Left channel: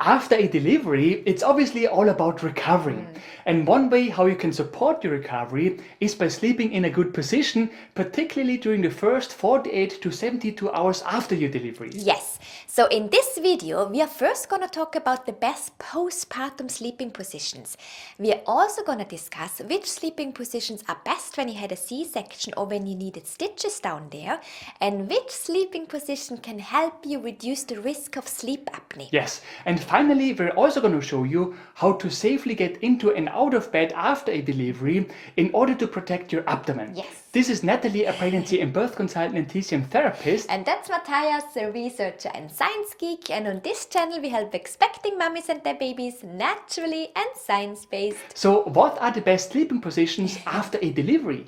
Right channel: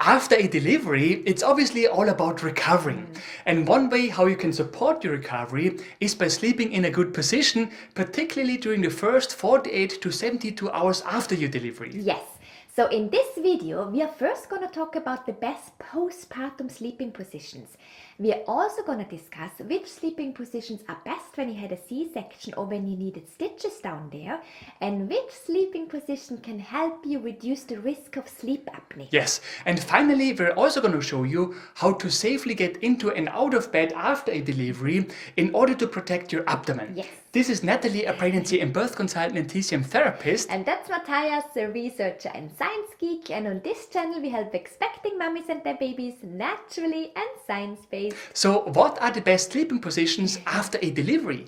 After a delivery, it's obviously all about recovering. And one way how you can support your recovery is by sleeping in a good position, particularly during the first 48 to 72 hours after your delivery. Yes, so in this video, we are first going to talk about the best postpartum sleeping positions. We are also going to discuss which sleeping positions are best when you had a C-section or when you needed stitches down there, and which sleeping position can help you reduce the risk of sleep apnea. Yes, and finally, we're also going to show you how to safely get into and out of bed after a delivery in order to protect your abdomen. Yes. This is Nathalie, a pregnancy and birth consultant and TCM therapist. And that's Mathias, a researcher and Science Geek. And on this channel, we help expecting mummies and their babies naturally and science-based. So, what are the best sleeping positions after a delivery?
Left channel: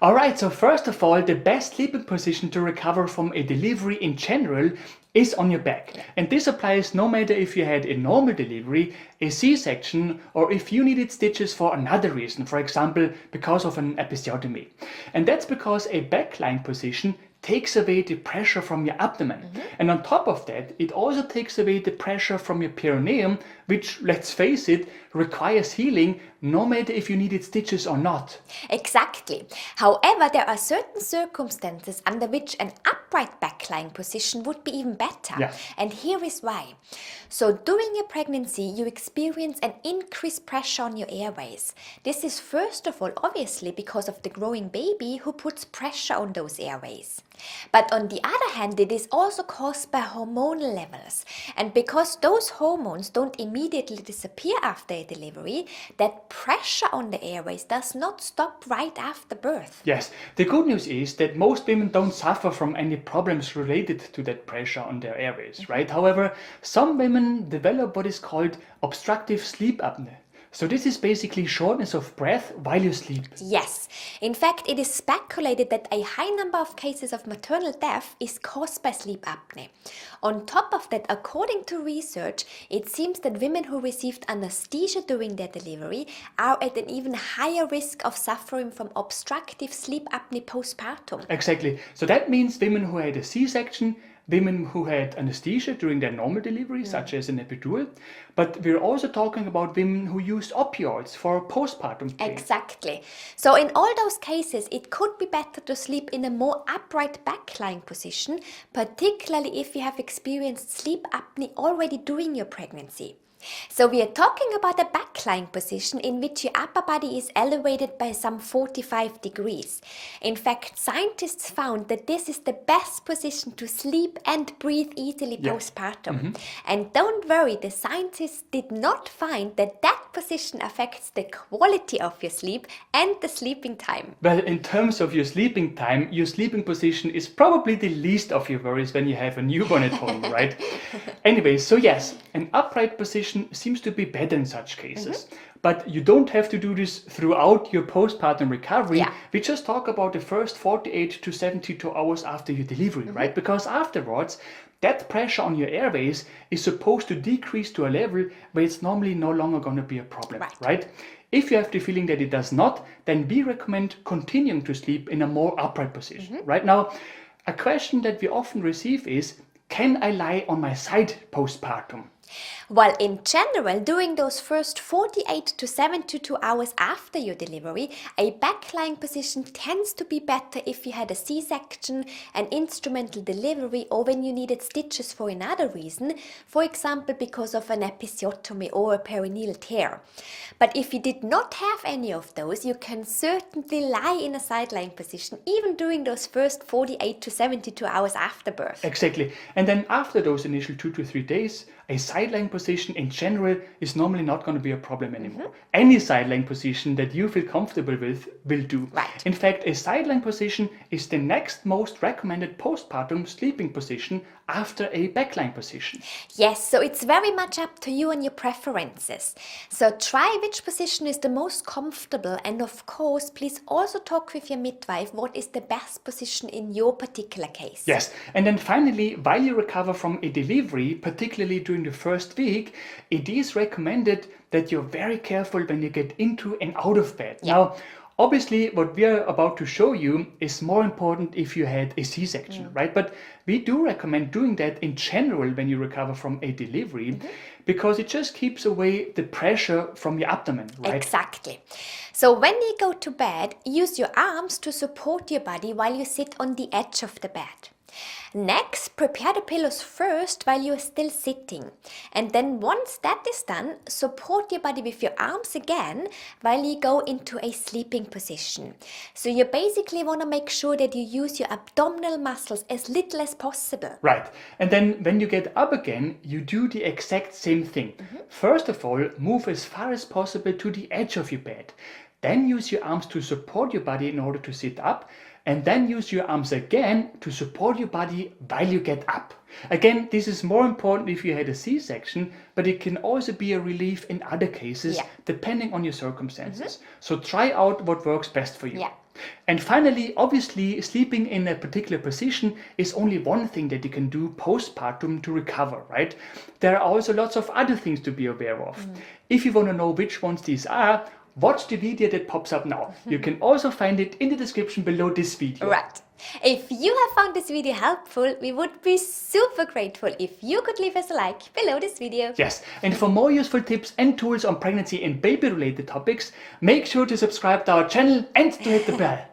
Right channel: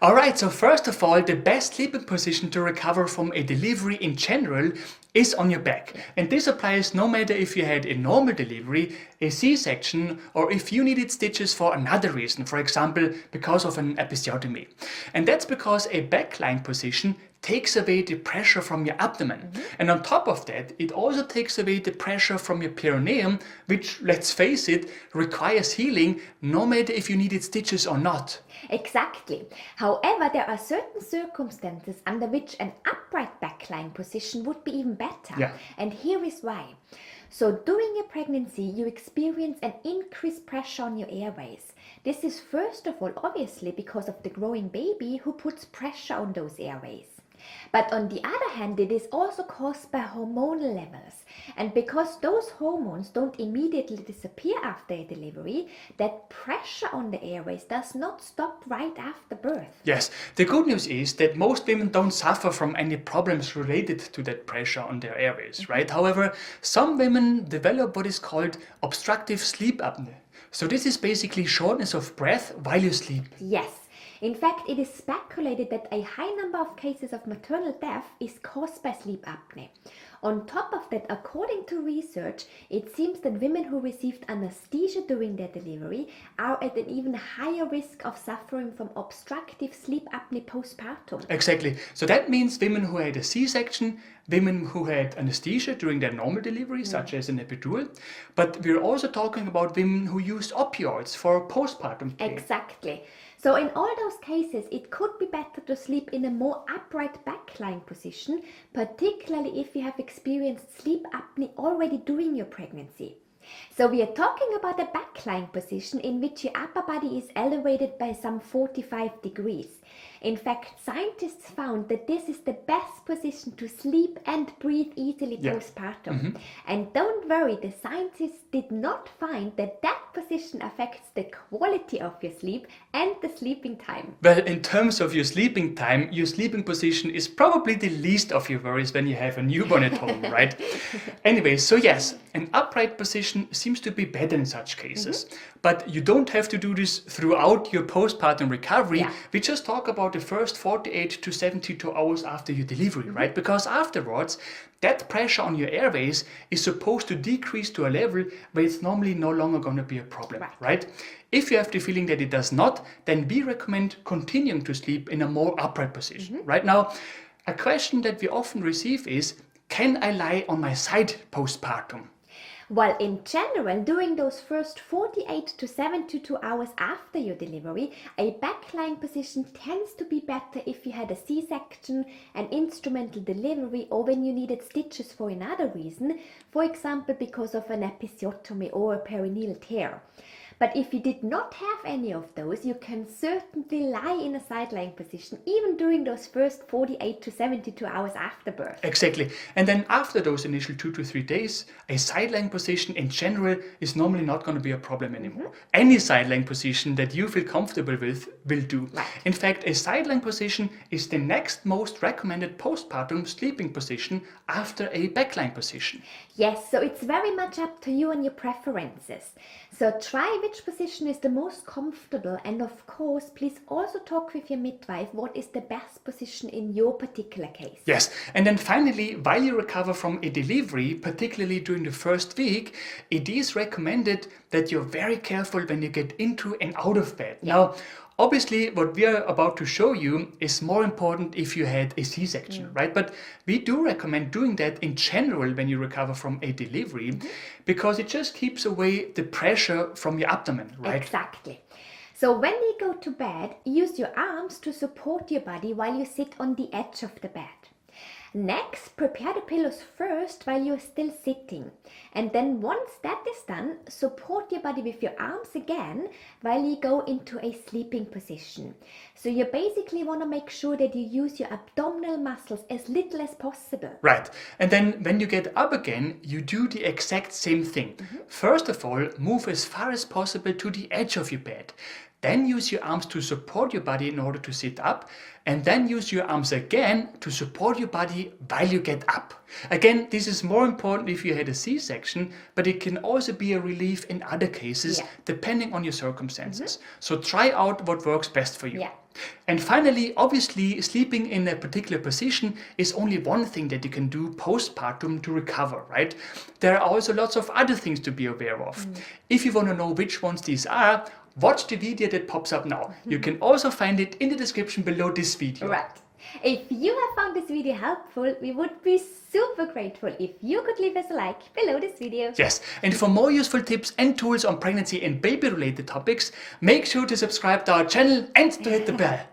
Alright, so first of all, the best sleeping position to recover from a delivery in general is on your back. And this applies no matter if you had a normal delivery, a C-section, or if you needed stitches for another reason, for example, because of an episiotomy. And that's because a backline position takes away the pressure from your abdomen. And on top of that, it also takes away the pressure from your perineum, which, let's face it, requires healing no matter if you needed stitches or not. Exactly. However, there are certain circumstances under which an upright backlying position would be even better. Yeah. And here is why. So during your pregnancy, you experience an increased pressure on your airways. This is first of all, obviously, because of the growing baby who puts pressure on those airways. But on the other hand, it is also caused by hormonal levels. And because those hormones don't immediately disappear after a delivery, that pressure on the airways does not stop right after birth. Yes, the good news is that most women don't suffer from any problems related to that pressure on their airways, right? However, some women develop what is called obstructive sleep apnea. So this is basically shortness of breath while you sleep. Yes. In fact, it is speculated that a high number of cases of maternal death is caused by sleep apnea. On top of that, according to research, it seems that women who received anesthesia during their delivery are at an even higher risk of suffering from obstructive sleep apnea postpartum. Exactly. So that means women who had a C-section, women who had anesthesia during their normal delivery, such as an epidural, but we're also talking about women who used opioids for postpartum pain. Exactly. So in all those cases, it could be better to sleep in a more upright backlying position, particularly if you have experienced sleep apnea already during your pregnancy. So we are talking about a backlying position in which your upper body is elevated by some 45 degrees. In fact, scientists found that this is the best position to sleep and breathe easily postpartum. And don't worry, the scientists did not find that that position affects the quality of your sleep and the sleeping time. Well, in terms of your sleeping time, your sleeping position is probably the least of your worries when you have a newborn at home, right? Anyway, so yes, an upright position seems to be better in such cases. But you don't have to do this throughout your postpartum recovery. Yeah. We just talk about the first 48 to 72 hours after your delivery, right? Because afterwards, that pressure on your airways is supposed to decrease to a level where it's normally no longer going to be a problem, right? If you have the feeling that it does not, then we recommend continuing to sleep in a more upright position. Right now, a question that we often receive is, can I lie on my side postpartum? Well, in general, during those first 48 to 72 hours after your delivery, a backlying position tends to be better if you had a C-section, an instrumental delivery, or when you needed stitches for another reason, for example, because of an episiotomy or a perineal tear. But if you did not have any of those, you can certainly lie in a side-lying position, even during those first 48 to 72 hours after birth. Exactly. And then after those initial 2 to 3 days, a side-lying position in general is normally not going to be a problem anymore. Any side-lying position that you feel comfortable with will do. Right. In fact, a side-lying position is the next most recommended postpartum sleeping position after a backlying position. Yes, so it's very much up to you and your preferences. So try which position is the most comfortable, and of course, please also talk with your midwife what is the best position in your particular case. Yes, and then finally, while you recover from a delivery, particularly during the first week, it is recommended that you're very careful when you get into and out of bed. Now, Obviously, what we are about to show you is more important if you had a C-section, right? But we do recommend doing that in general when you recover from a delivery, because it just keeps away the pressure from your abdomen, right? Exactly. So when you go to bed, use your arms to support your body while you sit on the edge of the bed. Next, prepare the pillows first while you are still sitting. And then once that is done, support your body with your arms again while you go into a sleeping position. So you basically want to make sure that you use your abdominal muscles as little as possible. Right. And then when you get up again, you do the exact same thing. First of all, move as far as possible to the edge of your bed. Then use your arms to support your body in order to sit up. And then use your arms again to support your body while you get up. Again, this is more important if you had a C-section, but it can also be a relief in other cases, depending on your circumstances. So try out what works best for you. Yeah. And finally, obviously, sleeping in a particular position is only one thing that you can do postpartum to recover, right? There are also lots of other things to be aware of. If you want to know which ones these are, watch the video that pops up now. You can also find it in the description below this video. Right. If you have found this video helpful, we would be super grateful if you could leave us a like below this video. Yes, and for more useful tips and tools on pregnancy and baby related topics, make sure to subscribe to our channel and to hit the bell.